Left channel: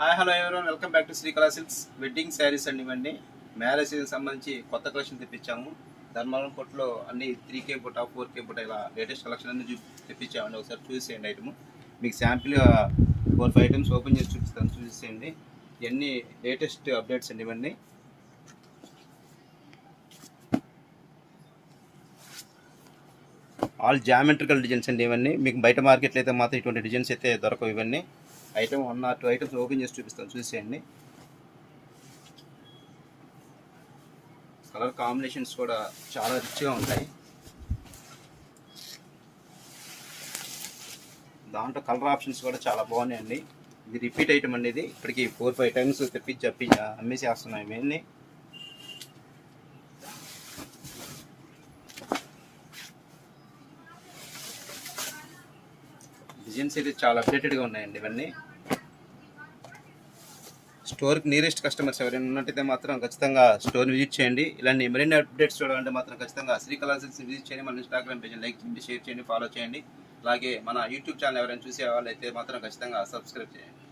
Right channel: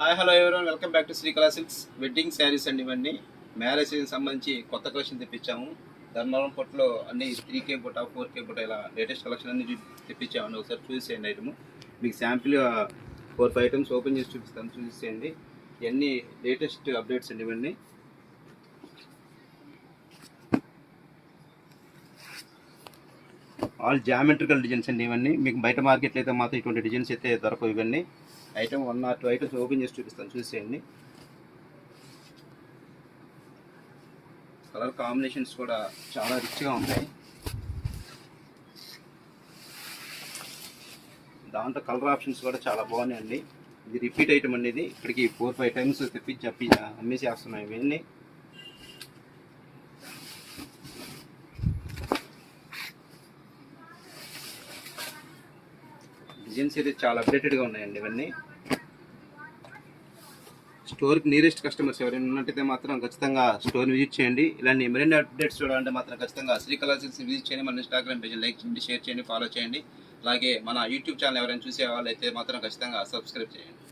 Hi hello everyone, welcome back to Srikala silks. Wedding saris అండి. ఇవన్నీ marriage season సంబంధించి కొత్త కలెక్షన్ తెప్పించాము. ధర్మవరం పొట్టులో అన్ని 3K బుట్ట 4K బుట్ట ఇలా లేటెస్ట్ కలెక్షన్ అన్ని తెప్పించామండి. ఒకసారి చూసేయండి. ఐటమ్ మీకు శాంపిల్గా 4-5 ఐటమ్స్ ఓపెన్ చేసి చూపిస్తాను, చూసేయండి. ఇవన్నీ లేటెస్ట్ అప్డేట్స్ అండి. ఇవన్నీ ఆల్ జామెట్రికల్ డిజైన్స్ అండి. ఇవన్నీ మీకు బయట మార్కెట్లో అయితే మాత్రం ఇటువంటి డిజైన్స్ అయితే దొరకవు. ఇవన్నీ ఐటమ్ 1 or 2 ఐటమ్స్ ఓపెన్ చేసి చూపిస్తాను, చూసేయండి. కలర్ కాంబినేషన్స్ కూడా చాలా రిచ్గా ఉంటాయి. దాంట్లో కలర్ ఆప్షన్స్ కూడా చాలా బాగున్నాయండి. ఇది రిపీట్ ఐటమ్ అండి. ఇది ఇప్పటికి 4-5 టైమ్స్ తెప్పించి అమ్మేసేస్తున్నాయి. మెయిన్లీ డిజైన్స్ అయితే చాలా అప్డేటెడ్గా ఉన్నాయండి. ఇవన్నీ స్టోర్కి నియరెస్ట్ కస్టమర్స్ ఎవరైనా ఉన్నట్టయితే మాత్రం ఖచ్చితంగా స్టోర్ని విజిట్ చేయండి. ఇలాంటి మరిన్ని అప్డేట్స్ చూడాలంటే మాత్రం ఖచ్చితంగా శ్రీకళా సిల్క్స్ విజిట్ చేయండి. మన ఇన్స్టాగ్రామ్ పేజ్ లైక్ చేయండి, షేర్ చేయండి, ఫాలో చేయండి. అలాగే మన యూట్యూబ్ ఛానల్ ఎవరైనా చూసే వాళ్ళైతే మాత్రం ఖచ్చితంగా సబ్స్క్రైబ్ చేయండి.